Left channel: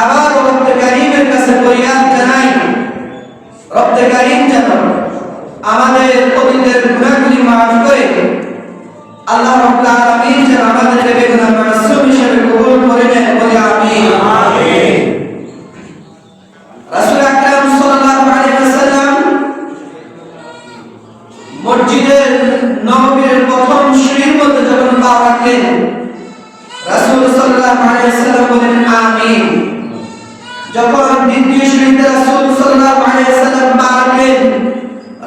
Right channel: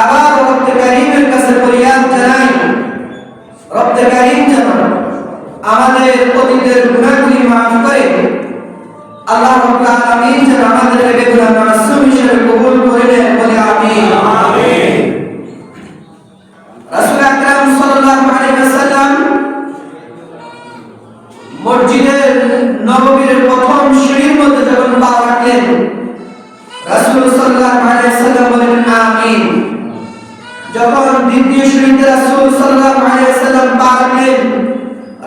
আবার রব্বে কারীমের কাছে ফরিয়াদ জানাই, রব্বে কারীম যেন আমাদের অতীতের গুনাহগুলি মাফ করে আল্লাহ রাব্বুল আলামিন যেন আমাদেরকে বেগুনাহ মাসুম হিসেবে কবুল করে নেন, বলি আমিন। আমিন। রাসূল আকরাম সাল্লাল্লাহু আলাইহি ওয়াসাল্লাম মসজিদে নববীর প্রথম সিঁড়ির মধ্যে যখন পা রাখলেন, রাসূল সাল্লাল্লাহু আলাইহি ওয়াসাল্লাম বলেন আমিন। যখন দ্বিতীয় সিঁড়িতে রাসূল সাল্লাল্লাহু আলাইহি ওয়াসাল্লাম পা রাখলেন,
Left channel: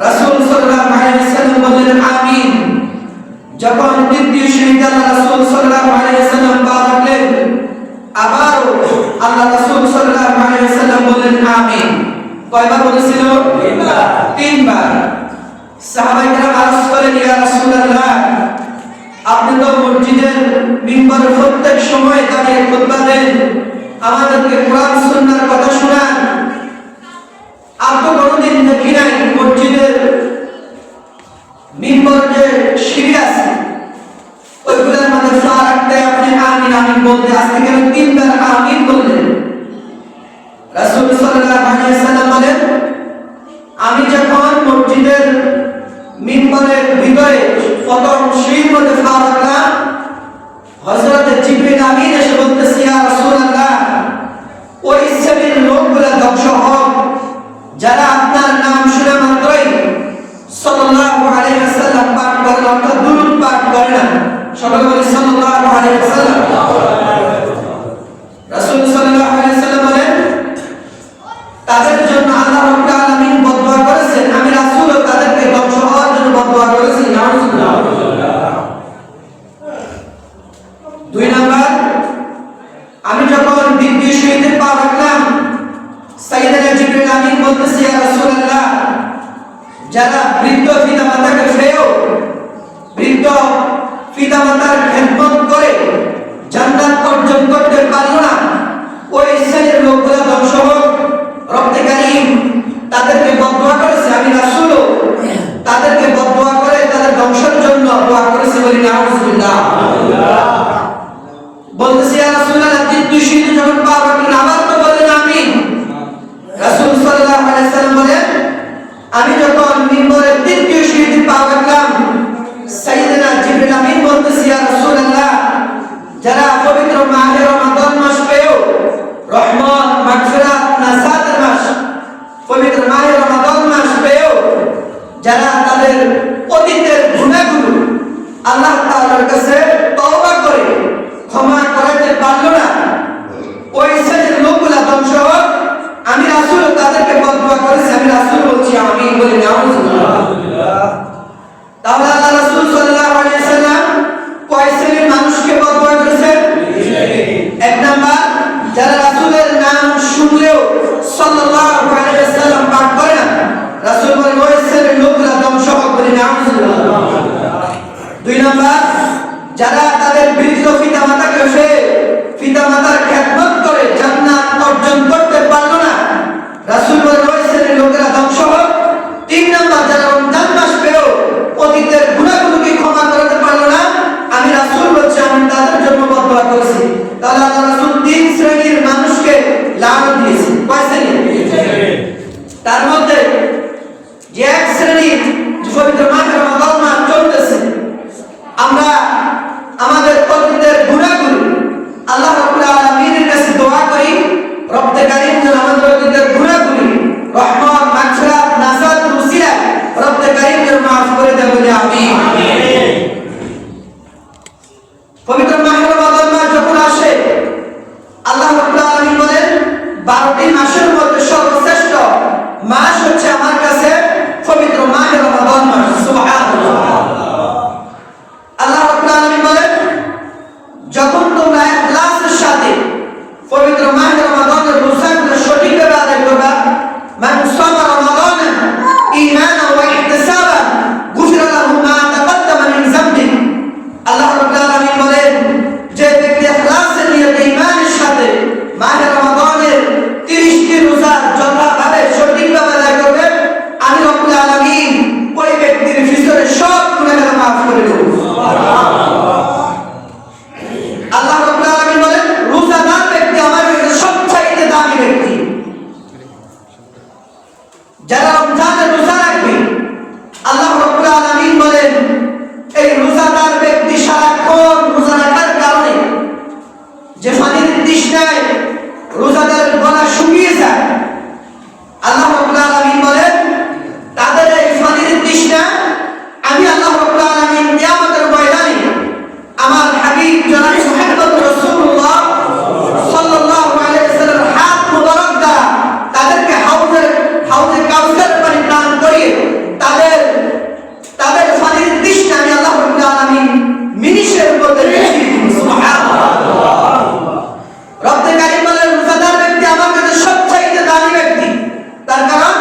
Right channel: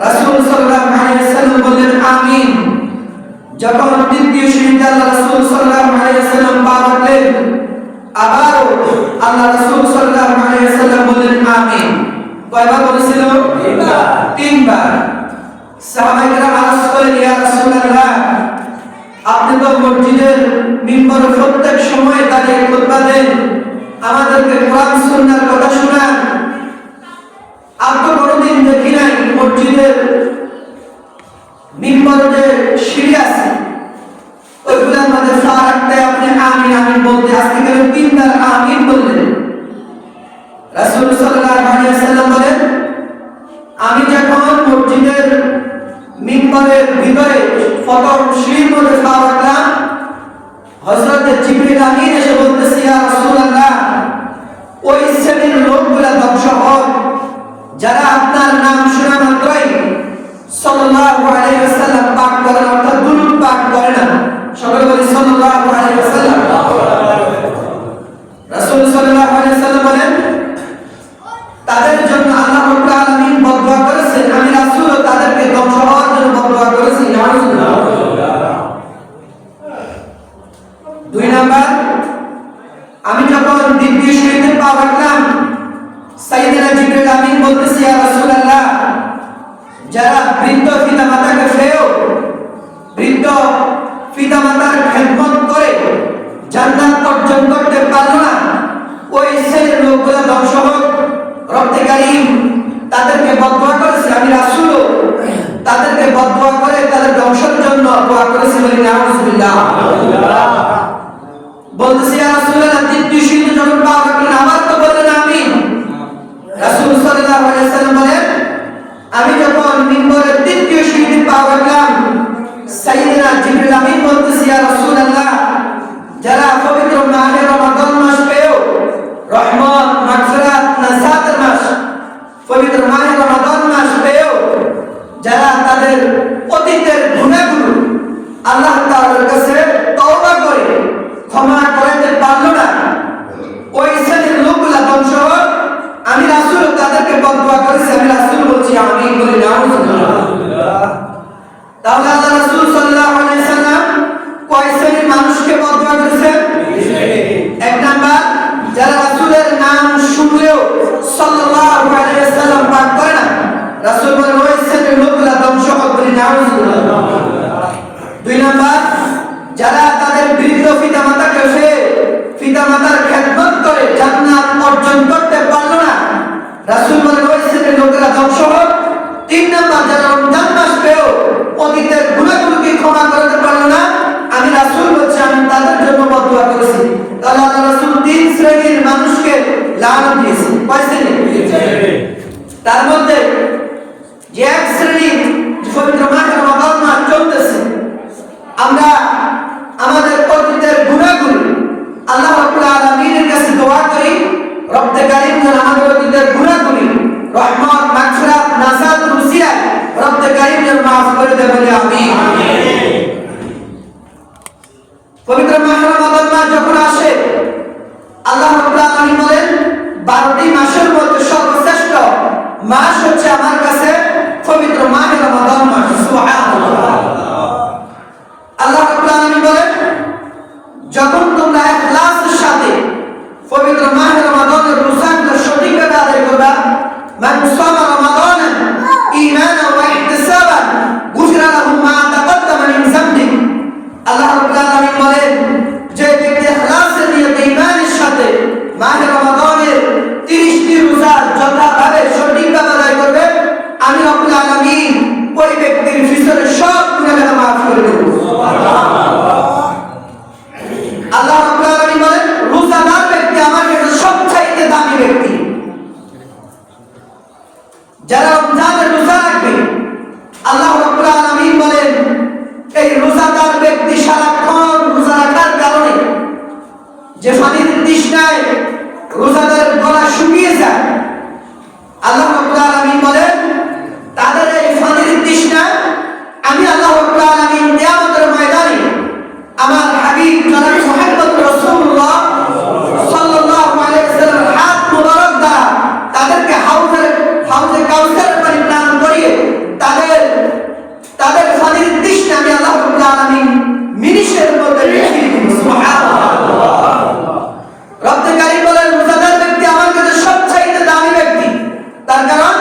রাসূল সাল্লাল্লাহু আলাইহি ওয়াসাল্লাম বলেন আমিন। যখন তৃতীয় সিঁড়িতে আল্লাহ রাসূল সাল্লাল্লাহু আলাইহি ওয়াসাল্লাম পা রাখলেন, আবারও আল্লাহ রাসূল সাল্লাল্লাহু আলাইহি ওয়াসাল্লাম বলেন আমিন। কয়বার বলেছিল? তিনবার। সাহাবায়ে কেরাম আরজ করেন, ইয়া রাসূলুল্লাহ, আপনি তো মসজিদের মিম্বরে প্রত্যেক সময় দাঁড়িয়ে খুতবা দেন, আমাদেরকে কোরআন সুন্নাহর কথা শোনান, আর তো কোনোদিন দেখি নাই মসজিদের মিম্বরে যে সিঁড়ি আছে ওইগুলোর মধ্যে পা রাখতে আপনি আমিন আমিন বলতে আজকে কেন তিনবার আমিন বললেন? রাসূল সাল্লাল্লাহু আলাইহি ওয়াসাল্লাম বলেন, আমি যখন মসজিদের মিম্বরের ভিতরে প্রথম সিঁড়ির মধ্যে পা রাখলাম, হযরত জিবরিল আমিন এসে বলতেছে, ইয়া রাসূলুল্লাহ, ওই শ্রেণীর লোকগুলা ধ্বংস হোক যারা আপনার নাম শুনে মাত্রই সাল্লাল্লাহু আলাইহি ওয়াসাল্লাম পাঠ করে, অর্থাৎ দুরূদ পাঠ করে না। সকলে বলি সাল্লাল্লাহু আলাইহি ওয়াসাল্লাম। রাসূল সাল্লাল্লাহু আলাইহি ওয়াসাল্লাম বলেন, তাদের জন্য আল্লাহ রাব্বুল আলামিন বদদুয়া করেছেন, আমি রাসূলও তাদেরকে ধ্বংস হওয়ার জন্য বদদুয়া করেছি। নাউযুবিল্লাহ। দুই নাম্বার, আমি যখন দ্বিতীয় সিঁড়িতে পা রাখলাম, সাইয়েদনা জিবরিল আমিন বলতেছে, ইয়া রাসূলুল্লাহ, যারা বৃদ্ধ পিতামাতাকে ফেও বৃদ্ধ পিতামাতার খেদমত করে জান্নাত অর্জন করতে পারলো না, ওই শ্রেণীর লোকগুলো ধ্বংস হোক। রব্বে কারীম তাদেরকে বদদুয়া করেছে, আমি রাসূলও তাদেরকে বদদুয়া করে তাদের ধ্বংসের জন্য দোয়া করেছি, বলি নাউযুবিল্লাহ। বলতেছি, ইয়া রাসূলুল্লাহ, তৃতীয় সিঁড়িতে যখন পা রাখলেন আবার তো বললেন আমিন। রাসূল সাল্লাল্লাহু আলাইহি ওয়াসাল্লাম বলেন, আমি যখন মিম্বরের তৃতীয় সিঁড়িতে পা রাখলাম, সাইয়েদনা জিবরিল আমিন বলতেছে, ইয়া রাসূলুল্লাহ, যারা পবিত্র মাহে রমাদান মাস পেয়েও রহমত মাগফিরাত নাজাতের মাস, পবিত্র মাহে রমাদান মাস পেয়েও যারা তাদের অতীতের গুনাহগুলো আল্লাহ তাআলার কাছে তওবা করে ক্ষমা করতে পারলো না, ওই শ্রেণীর লোকগুলা ধ্বংস হোক, আমি রাসূল তাদেরকে বদদুয়া করেছি, আমি রাসূল বলছি আমিন, বলি নাউযুবিল্লাহ। তাহলে আল্লাহ রাসূল সাল্লাল্লাহু আলাইহি ওয়াসাল্লাম কয় শ্রেণীর মানুষকে বদদুয়া করেছেন? এক নাম্বার, যারা রাসূলের নাম শুনলেও সাল্লাল্লাহু আলাইহি ওয়াসাল্লাম পাঠ করে না, রাসূল বলেন ওই শ্রেণীর লোকগুলা ধ্বংস হোক, বলি নাউযুবিল্লাহ। দুই নাম্বার, যারা তাদের বৃদ্ধ পিতামাতাকে ফেলে পিতামাতার খেদমত করে জান্নাত অর্জন করতে পারলো না, রাসূল বলেন ওই শ্রেণীর লোকেরা ধ্বংস হোক। তিন নাম্বার, যারা রমজান মাস পেয়েও অতীতের গুনাহগুলোকে ক্ষমা করতে পারলো না, আমি রাসূল বলছি আমি তাদের জন্য বদদুয়া করেছি। তাহলে আল্লাহ রাসূল তিন শ্রেণীর মানুষকে লানত দিয়েছেন। কয় শ্রেণী? তার মধ্যে যে এক শ্রেণী পবিত্র মাহে রমাদান মাস চলতেছে, আমরা যারা রমজানের রোজা রাখবে আল্লাহ রাব্বুল আলামিন বলেন এই রোজাদার ব্যক্তি সারাক্ষণ রোজা রাখার কারণে যে পানির তৃষ্ণায় রোজাদারের গলা শুকিয়ে যায়, আল্লাহ রাব্বুল আলামিন বলেন তাদের এই পানির তৃষ্ণা আমি আল্লাহ রাব্বুল আলামিন কিয়ামতের ময়দানে আমার হাবিব জনাব মুহাম্মদ রাসূলুল্লাহ সাল্লাল্লাহু আলাইহি ওয়াসাল্লামের হাত মুবারক দ্বারা তাদেরকে হাউজে কাউসার পানি পান করিয়ে তাদের পানির তৃষ্ণা আমি আল্লাহ রাব্বুল আলামিন মিনিটের মধ্যে মিটিয়ে দিব। সুবহানাল্লাহ। রব্বুল কারীম বলেন রোজাদার ব্যক্তি আমার কাছে সবচাইতে দামি ব্যক্তি, তার কারণ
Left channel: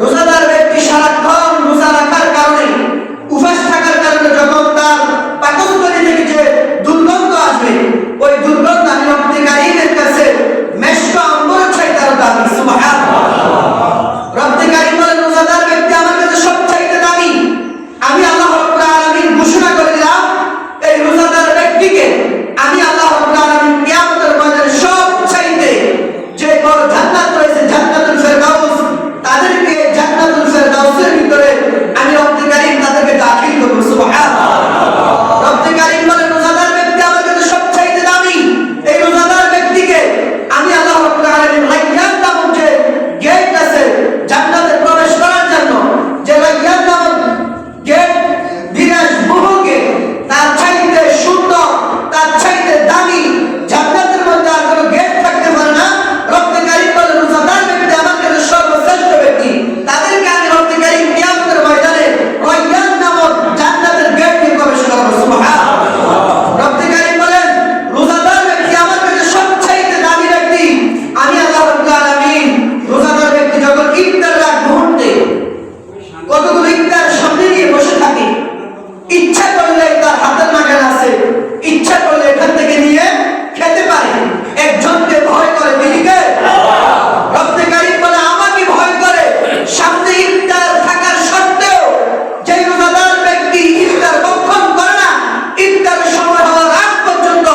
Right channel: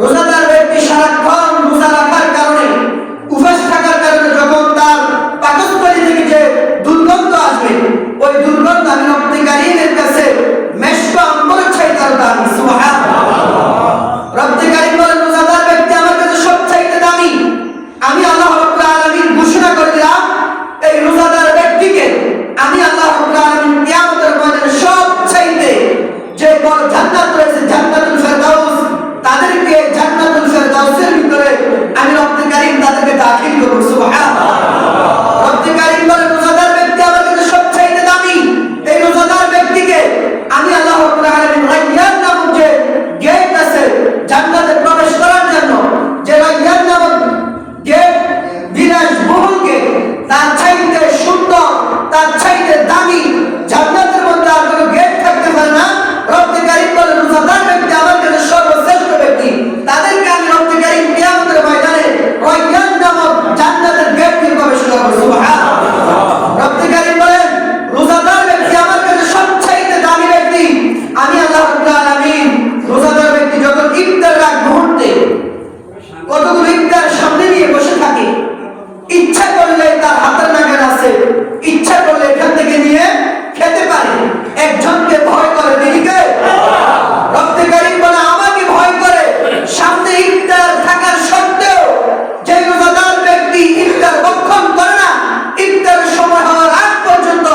রোজাদার ব্যক্তি সারাক্ষণ রোজা রাখার কারণে উপবাস থাকার কারণে যখন তার পাকস্থলী থেকে যে দুর্গন্ধ আসবে ওই দুর্গন্ধ আমি রব্বুল কারীমের কাছে মেশক আম্বরের চাইতে আরো দামি। সুবহানাল্লাহ। রব্বুল কারীম বলেন রোজাদার ব্যক্তি আমার কাছে সবচাইতে দামি, আমি আল্লাহ রাব্বুল আলামিন ঘোষণা করে দিলাম এই রোজাদার ব্যক্তিকে আমি আল্লাহ রাব্বুল আলামিন কিয়ামতের ময়দানে সবচাইতে যে বড় জান্নাত রয়েছে জান্নাতুল ফেরদাউস তাদেরকে জান্নাতুল ফেরদাউসের ভিতরে আমি রব্বুল কারীম তাদেরকে দাখিল করব। সুবহানাল্লাহ। রব্বুল কারীম বলেন রোজাদার ব্যক্তি আমার কাছে সবচাইতে দামি, এই রোজাদার ব্যক্তিকে আমি আল্লাহ রাব্বুল আলামিন রায়্যান নামক যে গেট আছে জান্নাতে প্রবেশ করার জন্য, যে রায়্যান নামক গেট বিলাসবহুল গেট, তার চাইতে সুন্দর তার চাইতে দামি জান্নাতের মধ্যে আর কোনো গেট থাকতে পারে না। রব্বুল কারীম বলেন রোজাদার ব্যক্তি আমার কাছে সর্বশ্রেষ্ঠ ব্যক্তি, তাদেরকে আমি রব্বুল কারীম কিয়ামতের ময়দানে রায়্যান নামক জান্নাতের গেট দিয়ে প্রবেশ করাবো। সুবহানাল্লাহ। রব্বুল কারীম বলেন রোজাদার ব্যক্তি আমার কাছে সবচাইতে দামি ব্যক্তি, আমি আল্লাহ রাব্বুল আলামিন রোজাদার ব্যক্তি যখন ইফতার রাত মুহূর্তে কতগুলো ইফতার সামনে নিয়ে বসে থাকে, ইচ্ছা করলে তার হাতের নাগাল আছে, ইচ্ছা করলে এখান থেকে নিয়ে খেতে পারে, একজনকে ভয় করে দিদিকে রব্বুল কারীম বলে আমাকে ভয় করে, সামনে ইফতার থাকার সত্ত্বেও যে রোজাদার ব্যক্তি ইফতার ভক্ষণ করে না ইফতারের সময় হওয়ার আগ পর্যন্ত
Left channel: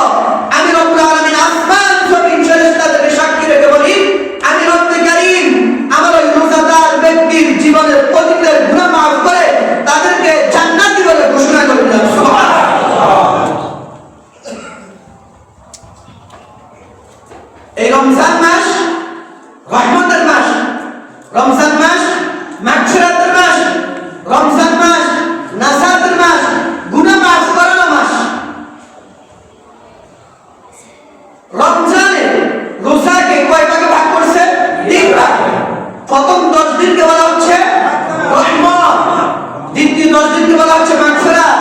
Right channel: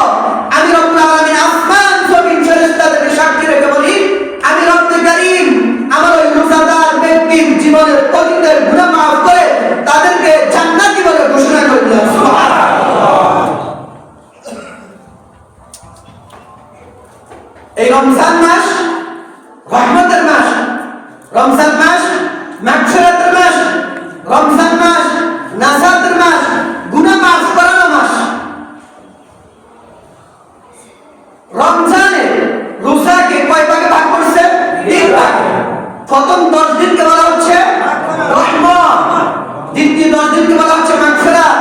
আমি রব্বুল আলামিন আসমান জমিন ফেরেশতাদেরকে সাক্ষী রেখে বলি আমি রব্বুল কারীম আমার ওই রোজাদার ব্যক্তির জীবনের অতীতের গুনাহ মাফ করে তাদেরকে জান্নাতি বলে ঘোষণা করে দিলাম। সুবহানাল্লাহ। এই রমজান মাস রহমতের মাস, রমজান মাস মাগফিরাতের মাস, রমজান মাস নাজাতের মাস, গুনাহ মাফ করার মাস। রমজানে রোজাকে কয় ভাগে ভাগ করছে? 3 ভাগ। প্রথম 10 দিনকে বলা হচ্ছে রহমত, দ্বিতীয় 10 দিনকে বলা হচ্ছে মাগফিরাত,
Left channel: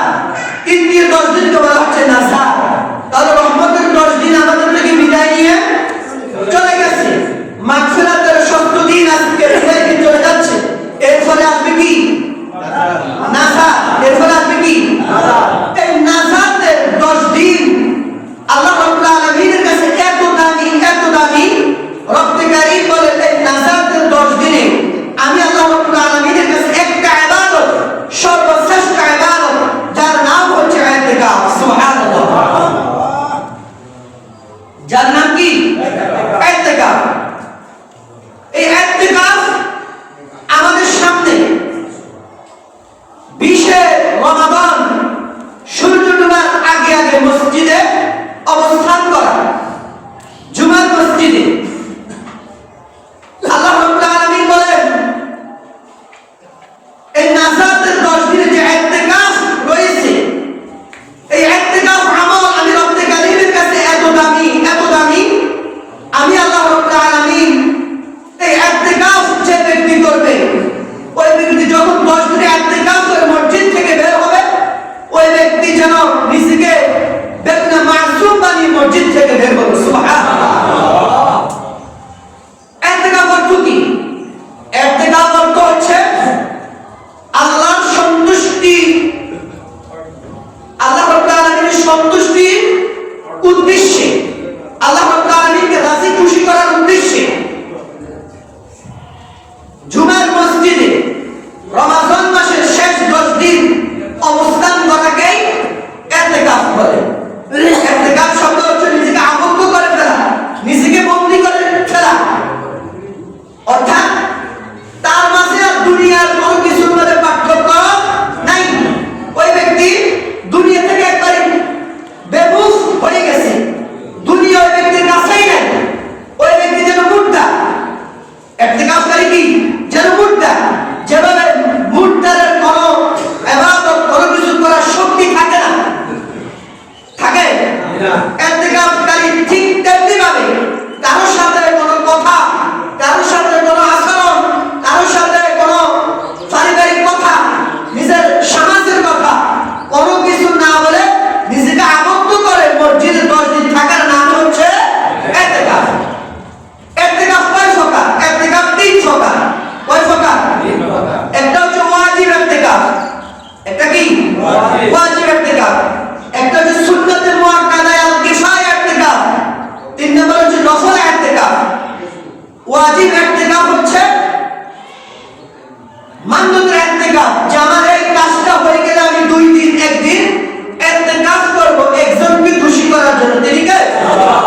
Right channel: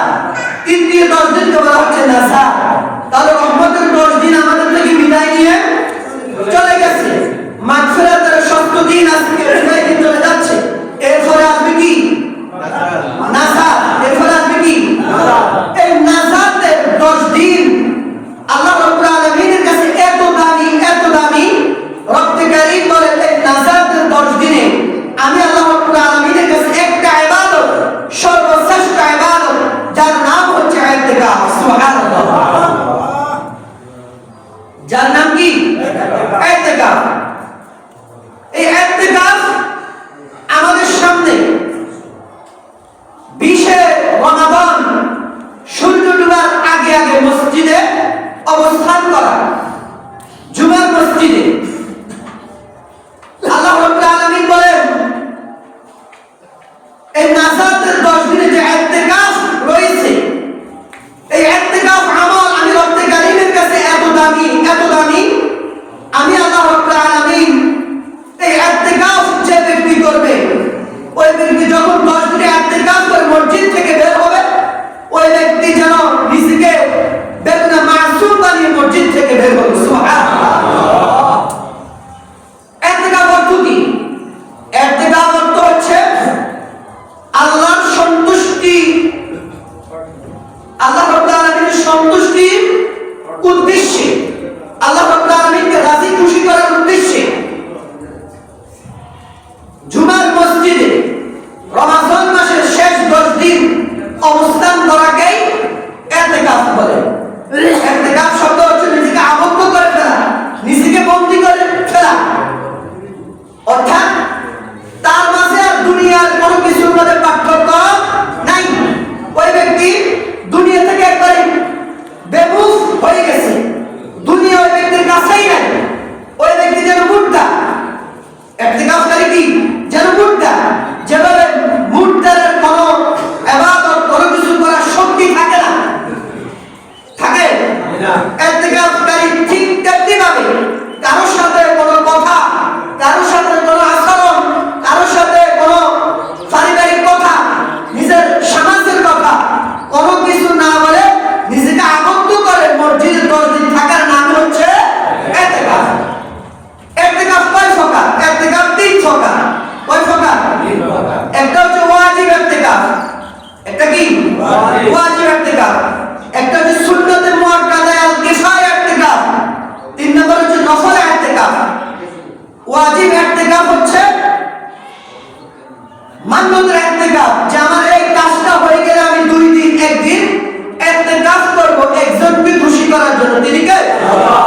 তৃতীয় 10 দিনকে বলা হচ্ছে নাজাত। তাহলে রহমতের 10 দিন আমাদের থেকে বিদায় নিয়ে চলে গেছে। ইতিকাফকারী কি যেন মুর্দা, যেভাবে মুর্দারের কোনো ইবাদত কোনো কিছু করার শক্তি থাকে না, থাকে না, ইতিকাফকারী ঠিক তেমনি ভাবে কারোর সাথে কোনো কথা, কারোর সাথে কোনো আচরণ, কারোর সাথে কোনো পারিবারিক কথা, নিজের সমাজের কথা কোনো কিছু না বলে নিজেকে আবদ্ধ করে মসজিদে 10 দিন থাকার নাম হচ্ছে ইতিকাফ। ইতিকাফ কয় প্রকার? ইতিকাফ 3 প্রকার। কয় প্রকার? 3 প্রকার। একটা হচ্ছে ওয়াজিব ইতিকাফ, একটা কি ওয়াজিব ইতিকাফ, একটা হচ্ছে সুন্নতে মুআক্কাদা আল কিফায়া ইতিকাফ, 3 নম্বর হচ্ছে নফল ইতিকাফ। ওয়াজিব ইতিকাফ হচ্ছে মান্যতের ইতিকাফ, যে আমার এই কাজটা হয়ে গেলে আমি 2 দিন 1 দিন ইতিকাফ করব একজনকে খুশি করার জন্য। তিনি কে? আল্লাহ।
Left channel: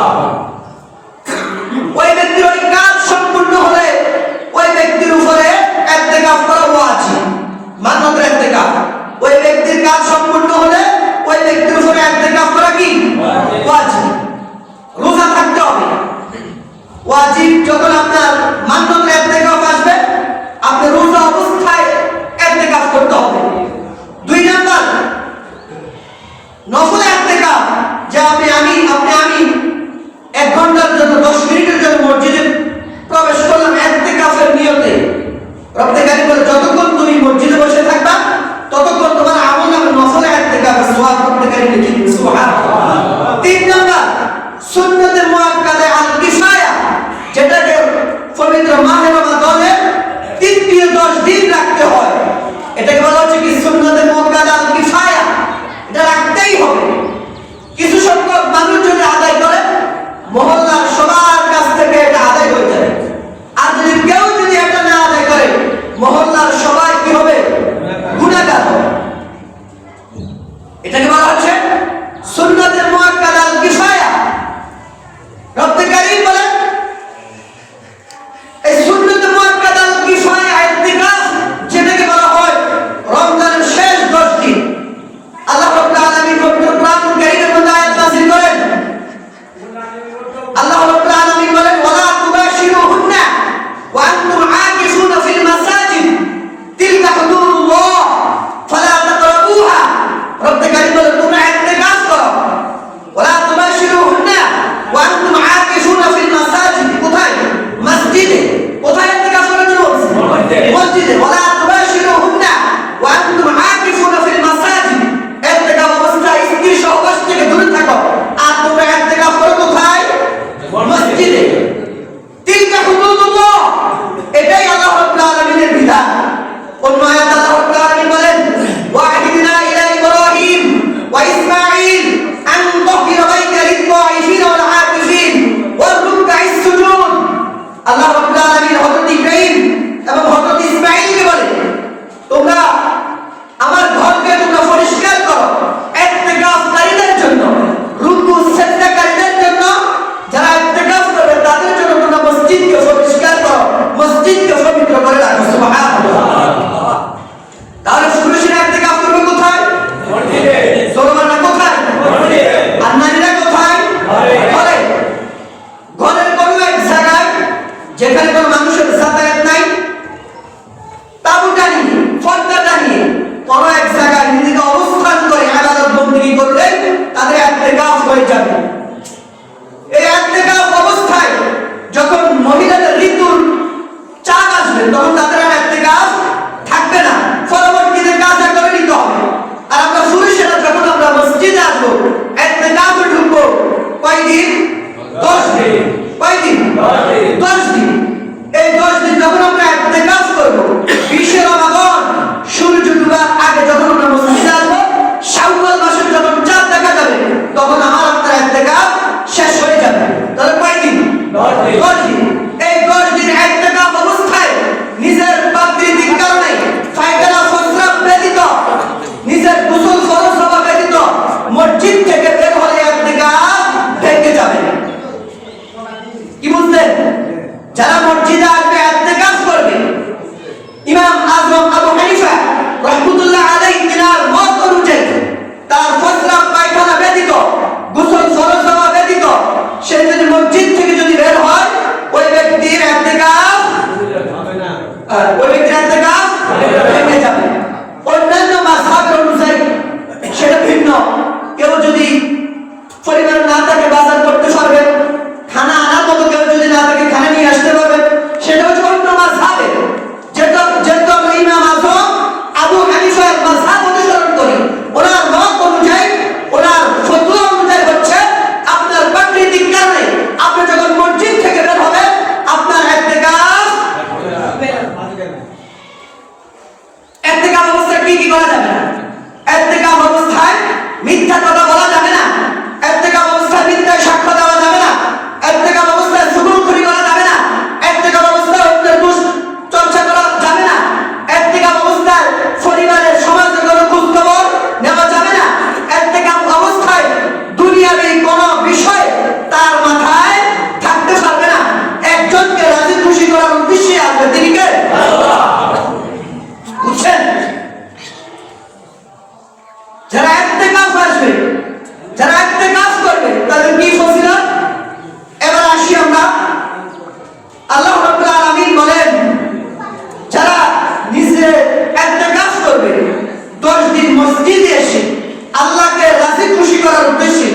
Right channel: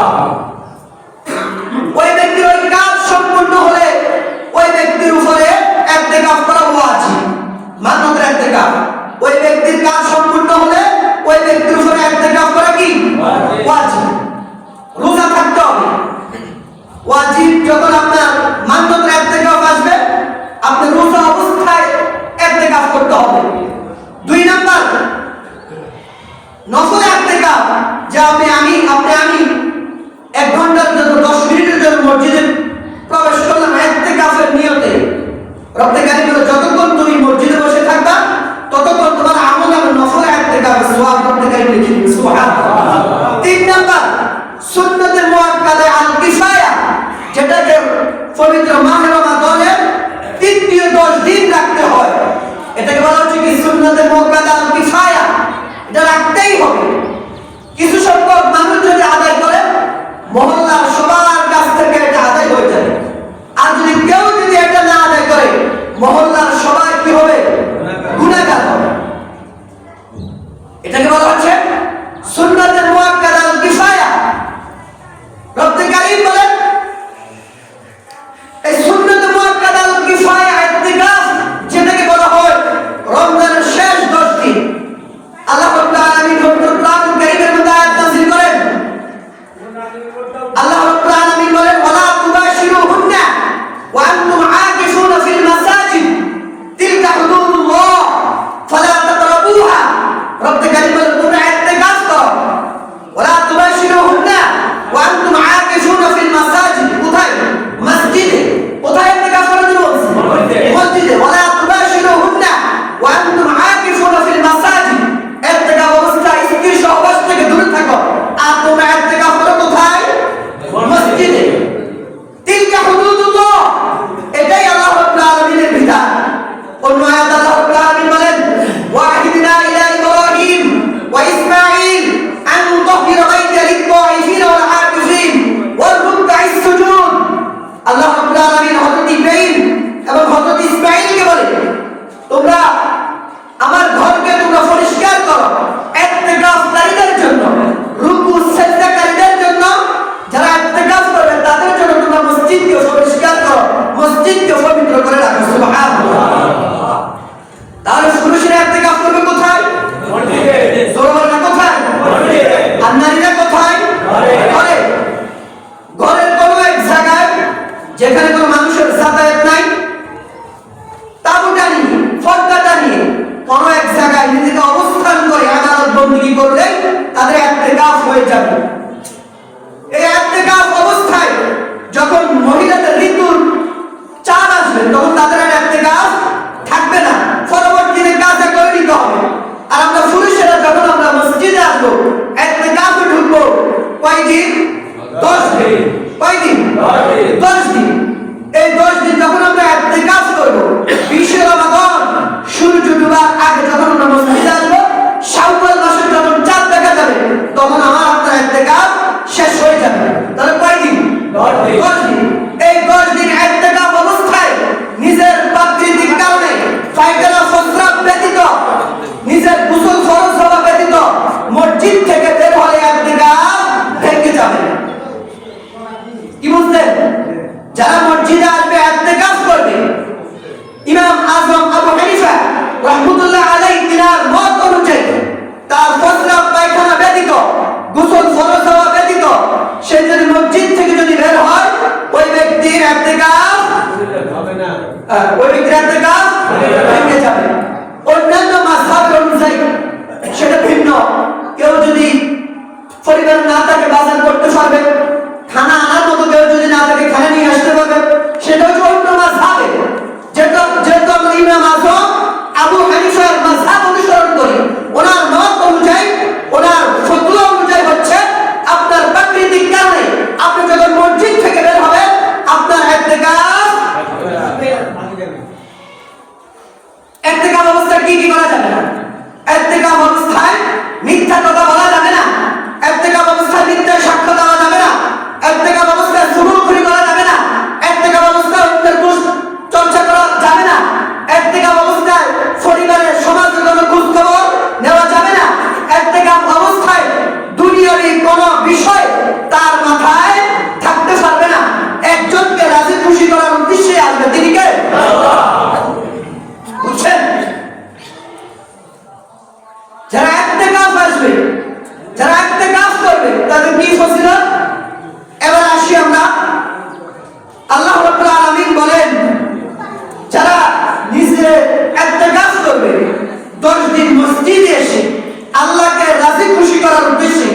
ওই ব্যক্তির ওই কাজ সম্পূর্ণ হলে ওই ব্যক্তির উপরে ইতিকাফ করা ওয়াজিব, মান্যতের ইতিকাফ। ওই ব্যক্তির কাজ সম্পূর্ণ হলে ওই ব্যক্তির উপরে ইতিকাফ করা কি ওয়াজিব। রোজা থাকতে হবে ওয়াজিব। যখন আপনার মান্যতের ইতিকাফ আসবে আপনি রোজা অবস্থায় ইতিকাফ করতে হবে। 2 নাম্বার নফল ইতিকাফ, যা আপনি 1 ঘন্টার জন্য 10 মিনিটের জন্য মসজিদে প্রবেশ করলাম ইতিকাফের নিয়তে। রব্বে কারীম বলে যতক্ষণ তুমি মসজিদে বসে থাকবা ততক্ষণ তোমার আমলনামে নফল ইতিকাফের সওয়াব রব্বে কারীম লিখে দিবেন। সুবহানাল্লাহ। 3 নাম্বার সুন্নতে মুআক্কাদা আল কিফায়া, যেটাকে পবিত্র মাহে রমাদানের তৃতীয় 10 দিন রাখতে হয়। এটাকে বলা হচ্ছে কি সুন্নতে মুআক্কাদা আল কিফায়া। এটা রাখতেই হবে। কিছু সংখ্যক মানুষ যদি আদায় করে মহল্লার সবার কাছ থেকে এটা আদায় হয়ে যাবে। আর যদি কেউ যদি এটা না আদায় করে মহল্লার সবাই কি হবে? গুনাহগার হবে। এটাকে বলা হচ্ছে সুন্নতে মুআক্কাদা আল কিফায়া। রব্বে কারীম বলেন এই সুন্নতে মুআক্কাদা আল কিফায়া ইতিকাফ, যেটাকে বলা হয় রমজানের শেষ 10 দিন, আল্লাহ রাব্বুল আলামিন পবিত্র কোরআন কারীমের মধ্যে আয়াত নাযিল করেন। আল্লাহ রাব্বুল আলামিন বলেন ওয়ালা তুবাশিরুহুন্না ওয়া আনতুম আকিফুনা ফিল মাসাজিদ তিলকা হুদুদুল্লাহ ফালা তাকরাবুহা। রব্বে কারীম বলেন তোমরা ইতিকাফ করো। ওয়ালা তুবাশিরুহুন্না ওয়া আনতুম আকিফুনা ফিল মাসাজিদ, কোথায়? মসজিদে। কোথায় ইতিকাফ করার জন্য? মসজিদে। ওয়ালা তুবাশিরুহুন্না ওয়া আনতুম আকিফুনা ফিল মাসাজিদ, ইতিকাফ অবস্থায় স্ত্রী সহবাস থেকে দূরে থাকো। আর তোমরা ইতিকাফ করো কোথায়? মসজিদে। তিলকা হুদুদুল্লাহ, এটাই আল্লাহ রাব্বুল আলামিনের বিধান। অন্য আয়াতে আল্লাহ রাব্বুল আলামিন বলেন ওয়াহিদনা ইলা ইব্রাহিম ওয়া ইসমাঈল আন তাহিরা বাইতা লিত-তাইফিন ওয়াল আকিফিন ওয়ার রুকআইস সুজুদ। আল্লাহ রাব্বুল আলামিন হযরত ইব্রাহিম এবং হযরত ইসমাঈলকে বলেন তোমরা আমার ঘরকে তোমরা পরিষ্কার করো ইতিকাফকারীদের জন্য, রুকু সিজদাকারীদের জন্য, যারা ইতিকাফ করবে তাদের জন্য তোমরা মসজিদকে পরিষ্কার করো, মসজিদকে পবিত্র করে রাখো। সুবহানাল্লাহ। তাহলে পুরুষরা ইতিকাফ করবে কোথায়? মসজিদে। জোরবানা কোথায়? মসজিদে। আর নারীরা কোথায়? ঘরে। ঘরের কোনো এক জায়গায় যেখানে কোনো মানুষের যাতায়াত নাই, তাঁবুটা নিয়ে, পর্দাটা নিয়ে কোনো এক জায়গায় নিজেকে অবস্থান করে ইবাদত বন্দেগী করলে তাদের ইতিকাফ হয়ে যাবে। এই ইতিকাফ অবস্থায় যখন মহিলাদের ঋতুর চাপ আসবে তখন তাদের আর ইতিকাফ থাকবে না, পরবর্তীতে কাজে করে নিতে হবে। আর আমরা পুরুষেরা যখন আমরা মসজিদে আসবো ইতিকাফে ঢুকবো কয়দিন? 10 দিন। কয়দিন? 10 দিন। এই 10 দিন যখন আমরা ইতিকাফ করবো 20 রমাদান সূর্য ডুবার আগে যখন আমরা মসজিদে আসবো, শাওয়াল মাসের যখন চাঁদ দেখা যাবে তখন আমার আপনার ইতিকাফ শেষ হয়ে যাবে। তাহলে কয়দিন? 10 দিন। এই 10 দিন ইতিকাফ অবস্থায় নিজের প্রাকৃতিক কারণে ফায়দালা ফসরাত ব্যতীত, নিজের গোসল ফরজ হওয়া ব্যতীত মসজিদ থেকে বের হলে ইতিকাফ ভেঙে যাবে। কি বুঝলেন? যারা মসজিদে আসবে ইতিকাফ করবে, ইমাম আযম আবু হানিফা রাহমাতুল্লাহ আলাইহি তিনার মত অনুযায়ী তার ফসরাত পায়খানা ব্যতীত, গোসল ফরজ হওয়া ব্যতীত সে যদি মসজিদ থেকে যদি বের হয় ওই ব্যক্তির ইতিকাফ ওই ব্যক্তির ইতিকাফ ভেঙে যাবে। অন্যান্য মাযহাব অনুযায়ী সেটা ভিন্ন। কেউ যদি পরিবার না থাকে বাজার করতে পারবে, খানা আনার মতো কেউ যদি না থাকে খানা নিয়ে আসতে পারবে, সেটা হচ্ছে অন্য মাযহাবে। যেটা ইমাম আযম আবু হানিফার মাযহাব অনুসরণ করি, ওনার মত অনুযায়ী, ওনার ফতোয়া অনুযায়ী হচ্ছে আপনার প্রাকৃতিক কারণে আপনি যখন মসজিদ থেকে বের হবেন আপনার ইতিকাফ অবস্থায় কি করা যাবে না? ইতিকাফ অবস্থায় মিথ্যা কথা বলা যাবে না। ইতিকাফ অবস্থায় মিথ্যায় সাক্ষ্য দেওয়া যাবে না। ইতিকাফ অবস্থায় জুলুমখুরি করা যাবে না। ইতিকাফ অবস্থায় অন্যের দোষ চর্চা করা যাবে না। ইতিকাফ অবস্থায় পরিবারের সমাজের কোনো খোঁজ খবর নেওয়া যাবে না। ইতিকাফ অবস্থায় দুনিয়াবি কোনো বিষয় তার মাথায় থাকতে পারবে না। একজনকে রাজি খুশি করার উদ্দেশ্যে আসবে, তিনি কে? আল্লাহ। বুঝছেন? যারা ইতিকাফ আসবে, যারা ইতিকাফ করবে তাদের কি ফজিলত? এবার আসি আমরা, আল্লাহ রাব্বুল আলামিন বলেন যারা নিজে ইতিকাফ করবে 10 দিন মসজিদে এসে আল্লাহকে রাজি খুশি করার উদ্দেশ্যে,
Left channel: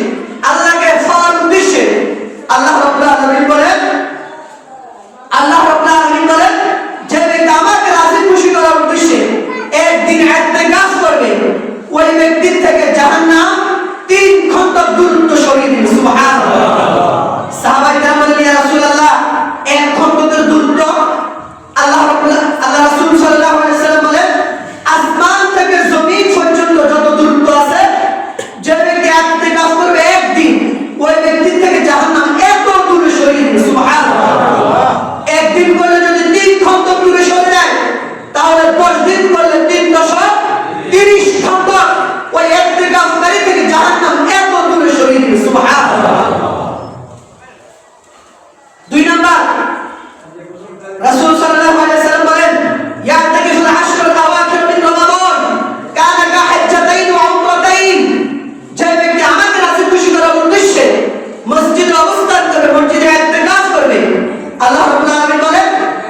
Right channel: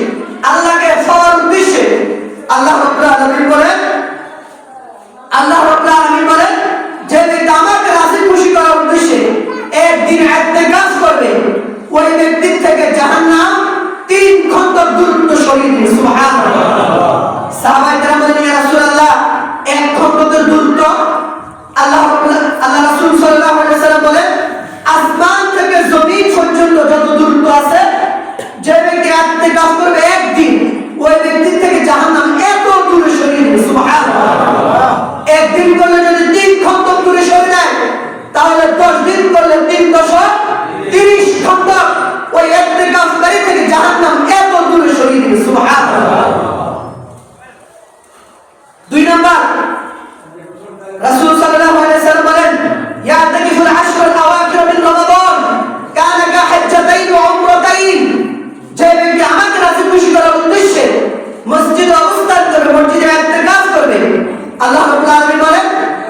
আল্লাহকে পাওয়ার উদ্দেশ্যে, আল্লাহ রাব্বুল আলামিন বলেন যে ব্যক্তি আমাকে রাজি খুশি করার উদ্দেশ্যে একদিন ইতিকাফ করবে ওই ব্যক্তির থেকে জাহান্নাম 3 খন্দক দূরত্ব সরিয়ে দিবে। সুবহানাল্লাহ। সাহাবায়ে কেরাম বলেন ইয়া রাসূলুল্লাহ 1 খন্দকের দূরত্ব? আল্লাহ রাসূল সাল্লাল্লাহু আলাইহি ওয়াসাল্লাম বলেন আসমান থেকে জমিন পর্যন্ত যত দূরত্ব আছে, যে ব্যক্তি ইতিকাফ করবে একদিন ওই ব্যক্তির থেকে জাহান্নাম এত দূরে সরিয়ে দিবে। সুবহানাল্লাহ। একদিন করলে যদি 3 খন্দক দূরে সরে যায় তাহলে 10 দিন করলে 3 দশক 30 খন্দক ওই ইতিকাফকারী থেকে জাহান্নাম এত দূরে সরিয়ে দিবে। সুবহানাল্লাহ। 2 নাম্বার, রাসূল সাল্লাল্লাহু আলাইহি ওয়াসাল্লাম বলেন ইয়াতাকিফুল আশরুল আওয়াখির মিন রমাদান কানা কা হাজ্জাতাইন ওয়া উমরাতাইন। যে ব্যক্তি আমাকে রাজি খুশি করার উদ্দেশ্যে মসজিদে অবস্থান করবে, মসজিদে ইতিকাফ করবে, আল্লাহ রাব্বুল আলামিন বলেন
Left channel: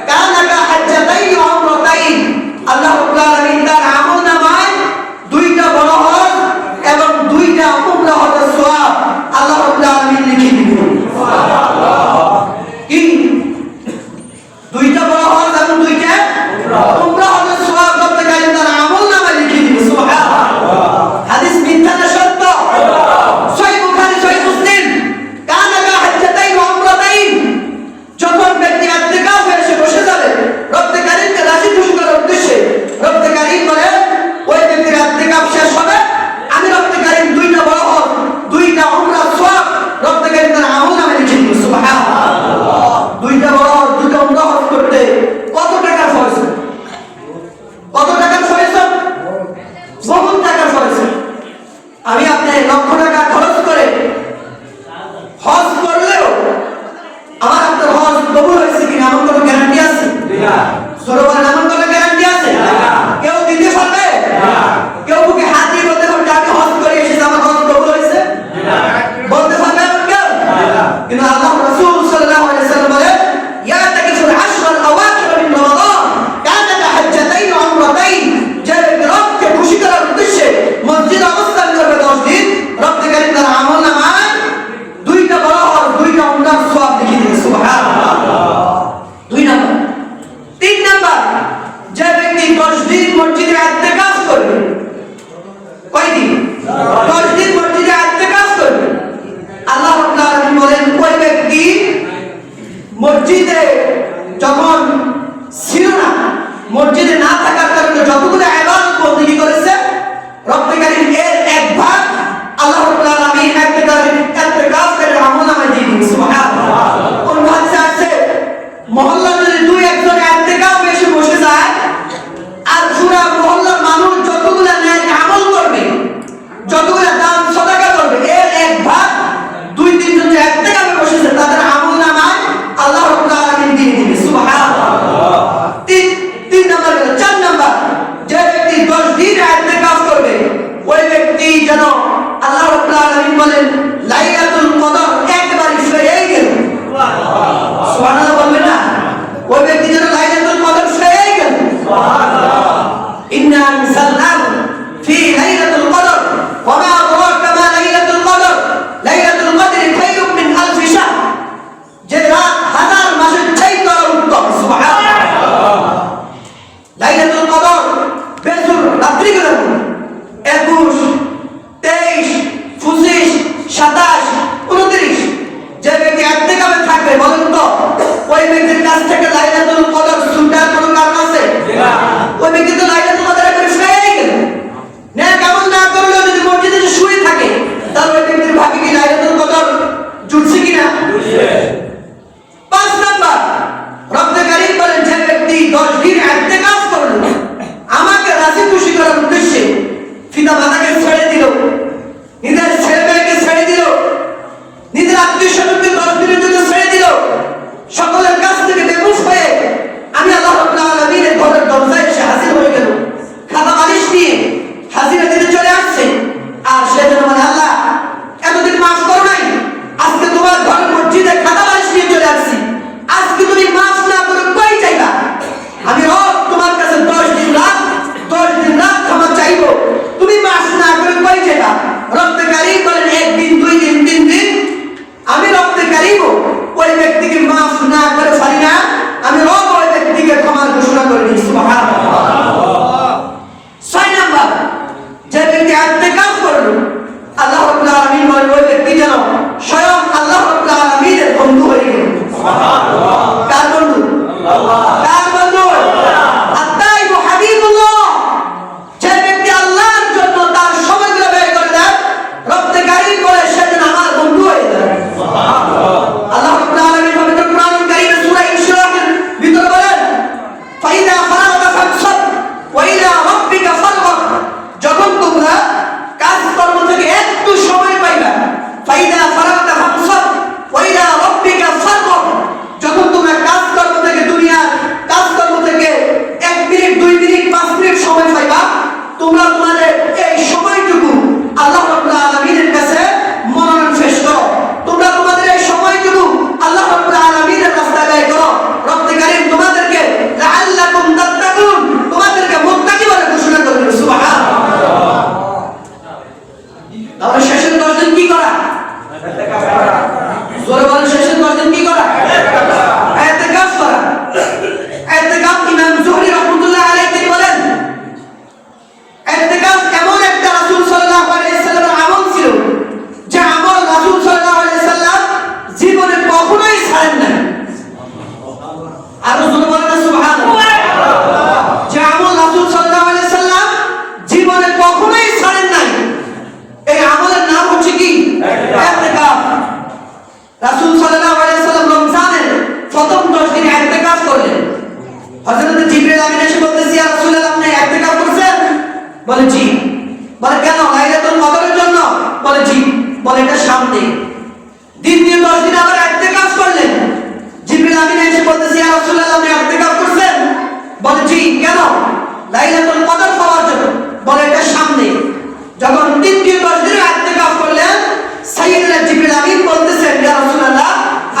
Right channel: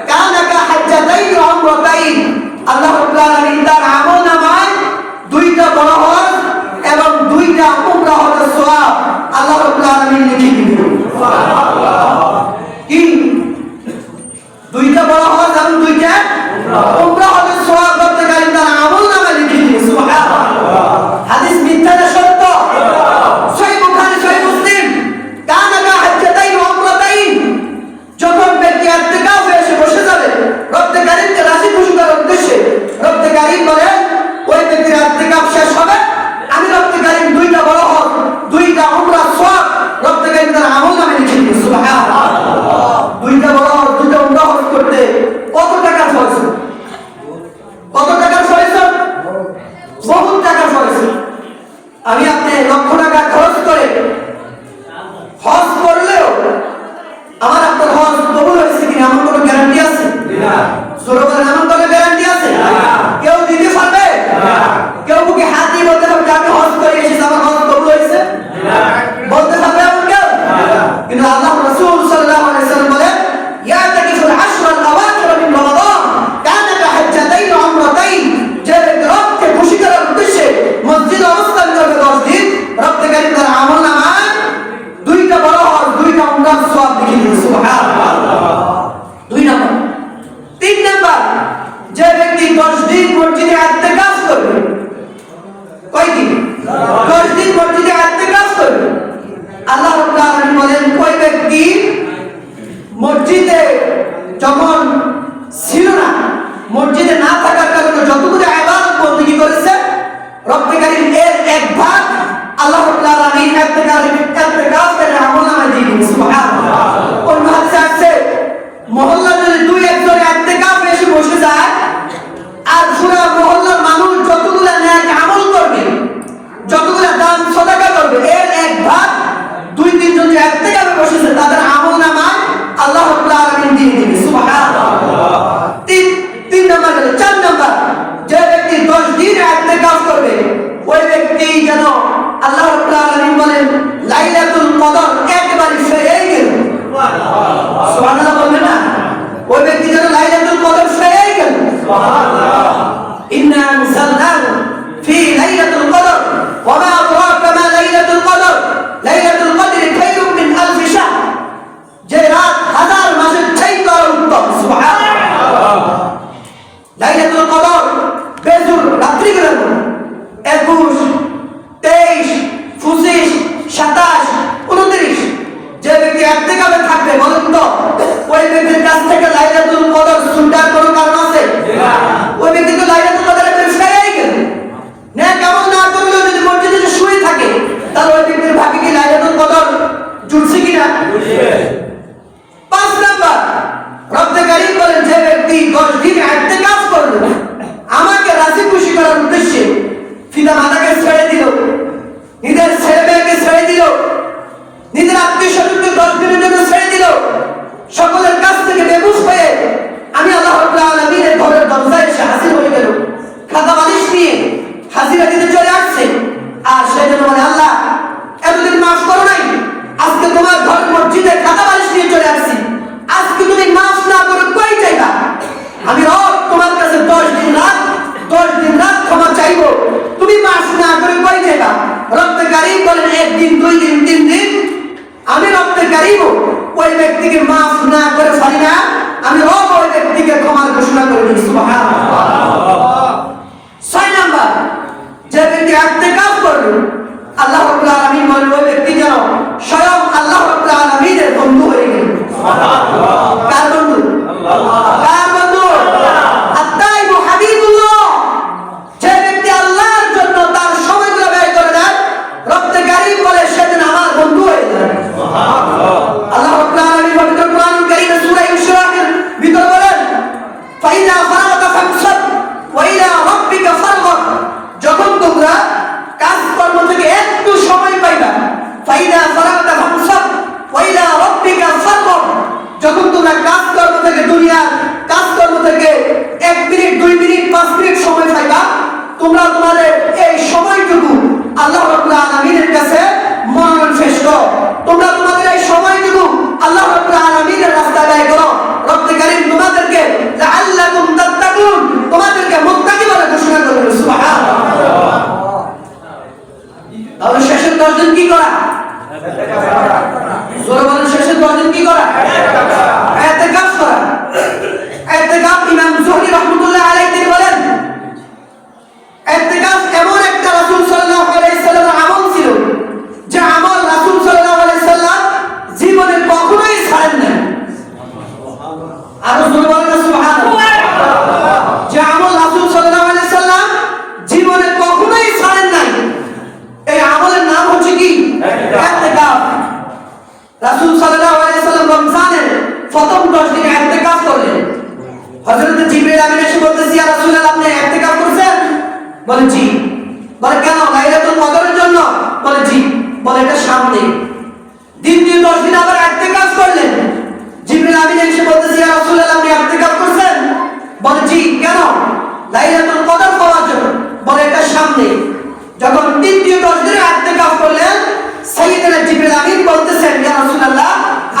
কানা কা হাজ্জাতাইন ওয়া উমরাতাইন। আল্লাহ রাব্বুল আলামিন তার আমলনামায় 2টা বড় হজ এবং 2টা উমরা হজের সওয়াব আল্লাহ রাব্বুল আলামিন লিখে দিবেন। সুবহানাল্লাহ। কি 2টা বড় হজ এবং 2টা উমরা হজের সওয়াব করতে গেলে তার আমলনামায় লিখে দিবেন। সুবহানাল্লাহ। হাদিস মিথ্যা না সত্য? সহিহ বুখারী সহিহ মুসলিম কানা কা হাজ্জাতাইন ওয়া উমরাতাইন। যখন ব্যক্তি ইতিকাফে এসে বসে যাবে রব্বে কারীমকে রাজি খুশি করার উদ্দেশ্যে, রব্বে কারীম বলে ওই ব্যক্তির ইতিকাফ শেষ হবে, আমি রব্বে কারীম 2টা বড় হজ 2টা উমরা সওয়াব রব্বে কারীম তার আমলনামায় লিখে দিবেন। সুবহানাল্লাহ। 2টা বড় হজ 2টা উমরা হজ করতে কত টাকা খরচ? কত টাকার খরচ? বহুত টাকার খরচ। আমি আপনি লক্ষ টাকা খরচ করে হজ করলেও আমার আপনার হজ কবুল হয়েছে কিনা আমার কোনো গ্যারান্টি আছে? না। জোরে বলেন, আমার কোনো গ্যারান্টি আছে? না। কেউ দিতে পারবে? না। কেউ বুকে হাত দিয়ে বলতে পারবে আমি হজ করে এসেছি আমার হজ কবুল হয়েছে? না। বলতে পারবে এমন কেউ? না। কিন্তু আল্লাহ রাসূল সাল্লাল্লাহু আলাইহি ওয়াসাল্লাম বলেন ইয়াতাকিফুল আশরুল আওয়াখির মিন রমাদান কানা কা হাজ্জাতাইন ওয়া উমরাতাইন। যে ব্যক্তি রবকে খুশি করার উদ্দেশ্যে মসজিদে অবস্থান করবে 10 দিন, রব্বে কারীম তার আমলনামায় 2টা বড় হজ 2টা উমরার সওয়াব লিখে দিবেন। সুবহানাল্লাহ। 2 নাম্বার। 3 নাম্বার, জোরে বলেন না সুবহানাল্লাহ। যে আমল রাসূল সাল্লাল্লাহু আলাইহি সাল্লাম জীবনে কখনোই ছাড়েন নাই, এই আমলের নাম হচ্ছে কি? ইতিকাফ। রাসূল সাল্লাল্লাহু আলাইহি সাল্লাম রমজানের প্রথম 10 দিন ইতিকাফ করলেন। হযরত জিবরিল আমিন এসে বলতেছে, ইয়া রাসূলুল্লাহ, আপনি ইতিকাফ করছেন? বলে জি। বলে কেন? লাইলাতুল কদরের জন্য? বলে জি। বলে এটা সামনে। দ্বিতীয় 10 দিন আবার ইতিকাফ করলেন। জিবরিল আমিন এসে বলতেছে, ইয়া রাসূলুল্লাহ, আপনি ইতিকাফ করছেন? বলে জি। কেন? লাইলাতুল কদর পাওয়ার জন্য। বলে এটা সামনে। যখন তৃতীয় 10 দিন ইতিকাফ করলেন, সাইয়েদনা জিবরিল আমিন বলতেছেন, ইয়া রাসূলুল্লাহ,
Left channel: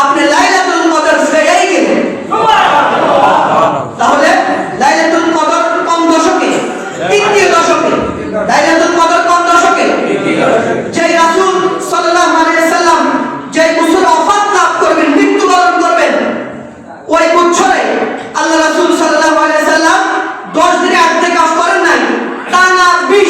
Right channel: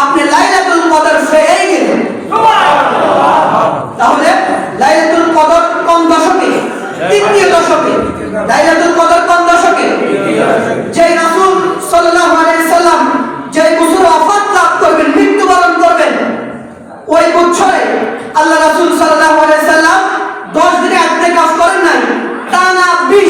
আপনি লাইলাতুল কদর পেয়েই গেলেন। সুবহানাল্লাহ। তাহলে লাইলাতুল কদর কোন দশকে? তৃতীয় দশকে। লাইলাতুল কদর কোন দশকে? যেই রাসূল সাল্লাল্লাহু আলাইহি সাল্লাম যেই বছর ওয়াফাত লাভ করবেন, মৃত্যুবরণ করবেন, ওই বছরে আল্লাহ রাসূল সাল্লাল্লাহু আলাইহি সাল্লাম 10 দিন ইতিকাফ করেন নাই, টানা 20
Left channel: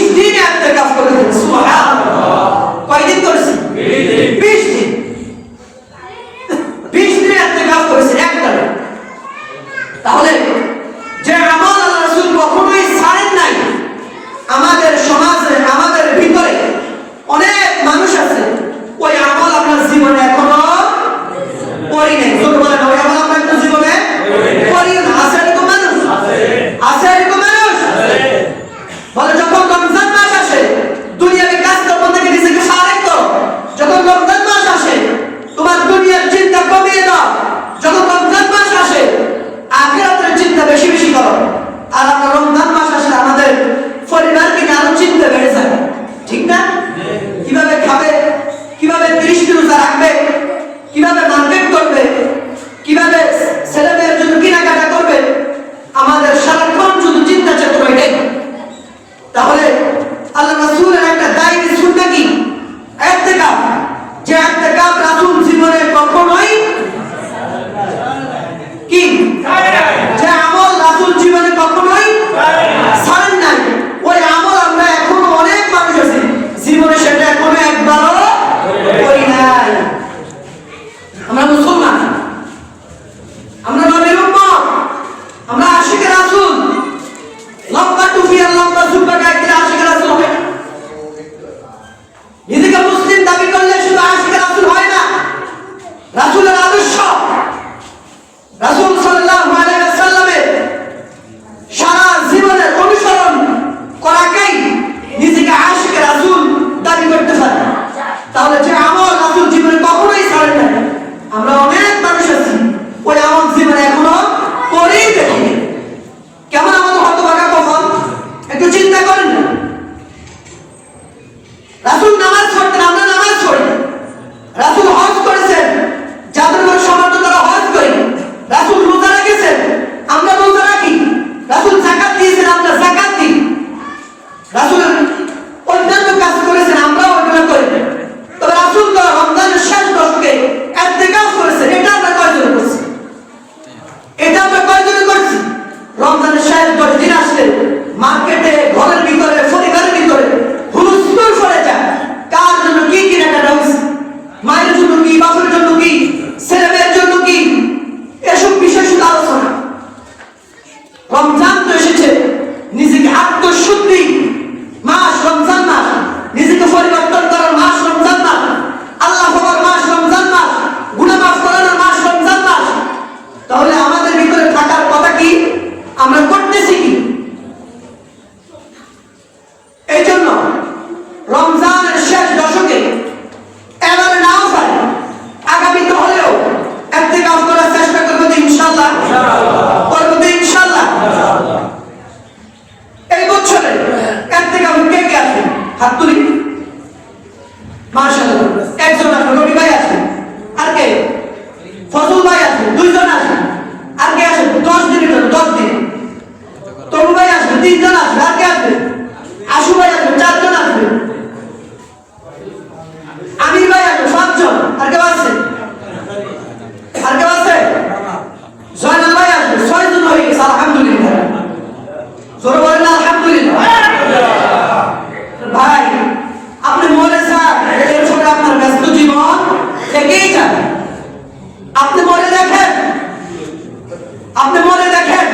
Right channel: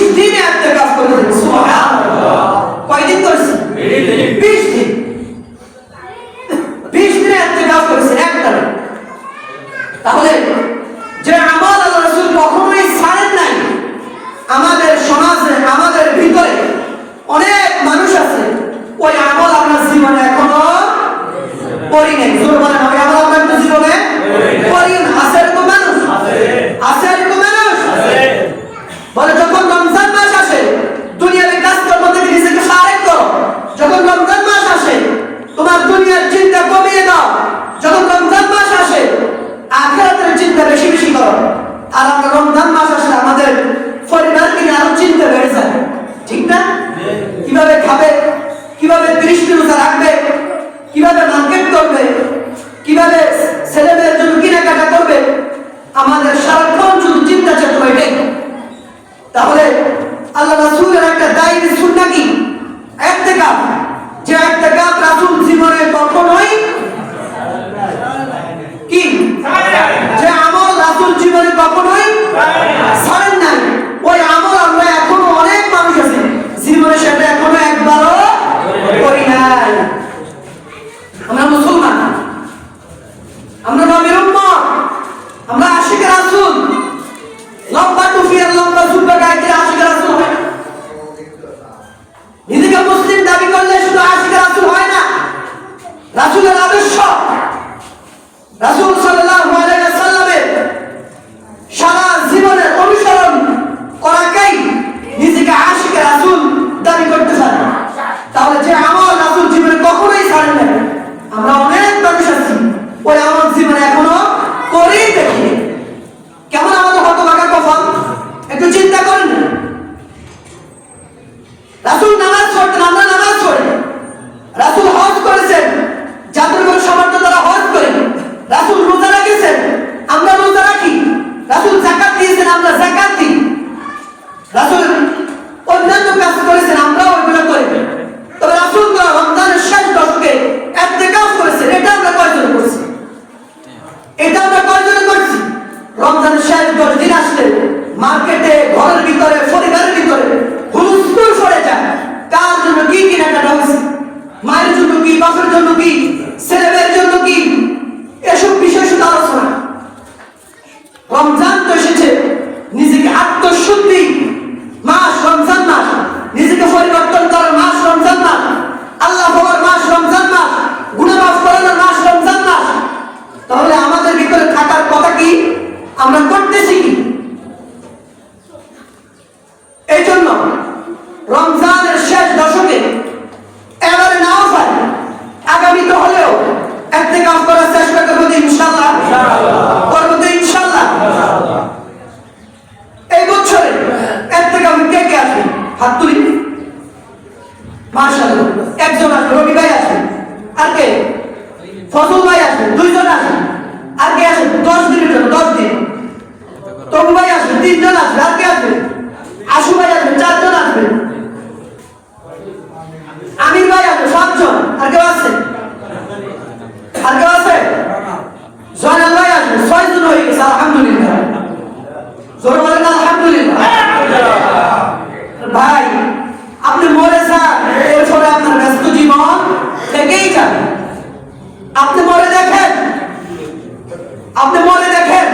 আপনি মনে দেখেন,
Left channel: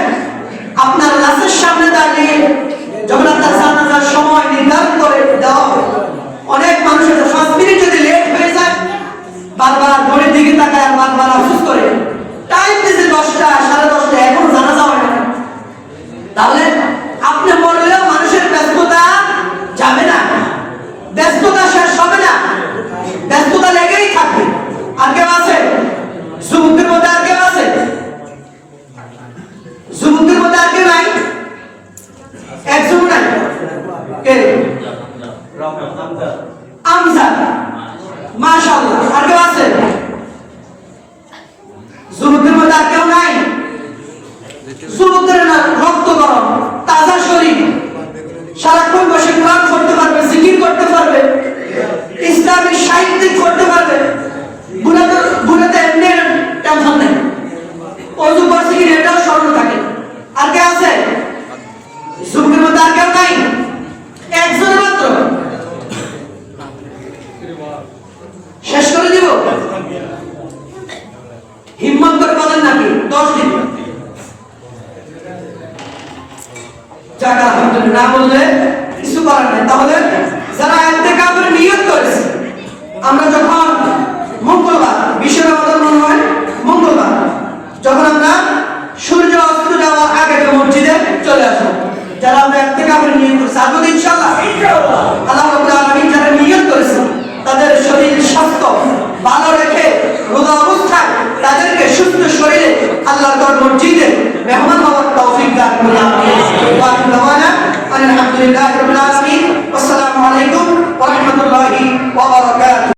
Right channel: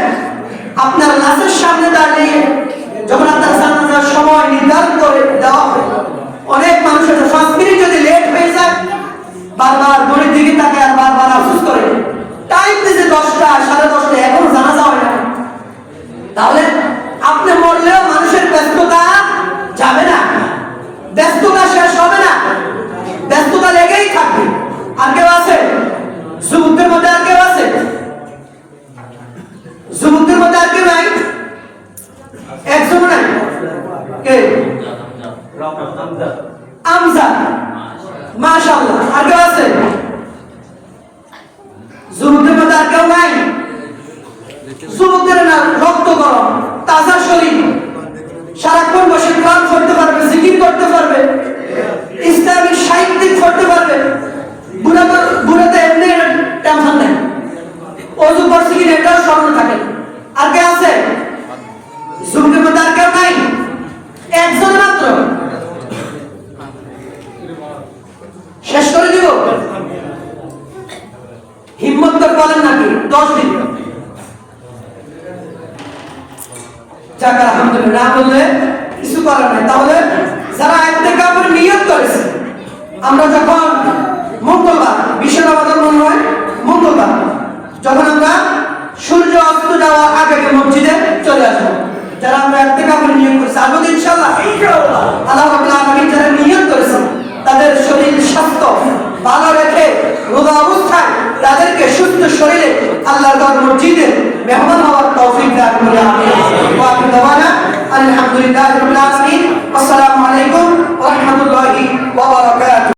আপনার লাশের সামনে দাঁড়িয়ে যখন আপনার জানাজার সময় নির্ধারণ করে দেওয়া হয়, অনেক মানুষের 5 মিনিট যদি লেট হয়ে যায়, বারবার ঘড়ির দিকে তাকায় আর বারবার আফসোস করে, টাইম দিয়েছে 10টা 10:30, এখনো জানাজা হয় না। তাহলে আপনি মরলেও মানুষের ব্যস্ততা যাবে না, ব্যস্ততা শেষ হবে না, ব্যস্ততা লেগেই থাকবে। আর কেউ আছে যুবকদের মধ্যে? আর কেউ আছে যুবকদের মধ্যে? আর কেউ নাই? একজন নাই? কে? আমজাদ, মাশাআল্লাহ। আর কেউ আছে যুবকদের মধ্যে? আর কেউ নাই? যুবকদের না রক্ত গরম, তাজা শরীর, সারাক্ষণ বসে কোরআন পড়তে পারবে, জিকির করতে পারবে, ইসলামিক সাহিত্য পড়তে পারবে। বুড়াতে এমনি টেনশন নেই, অজু করছি কি এটাও স্মরণ থাকে। আর কে আছে যুবকের মধ্যে? আর কেউ নাই? একজন মাত্র। শেষ করে দিব? হিম্মত করে বলেন নাকি 10 দিন? যাক আলহামদুলিল্লাহ, না বললে কিছু করার নেই। তাহলে যারা ইতিকাফের নিয়ত করেছে, আমরা যখন মঙ্গলবার, বিশ্ব রমজান মনে হয় মঙ্গলবার, যখন আমরা সূর্য অস্ত যাওয়ার আগে মসজিদে চলে আসবো, যারা আমরা ইতিকাফের নিয়ত করেছি, আসবো ইনশাআল্লাহ।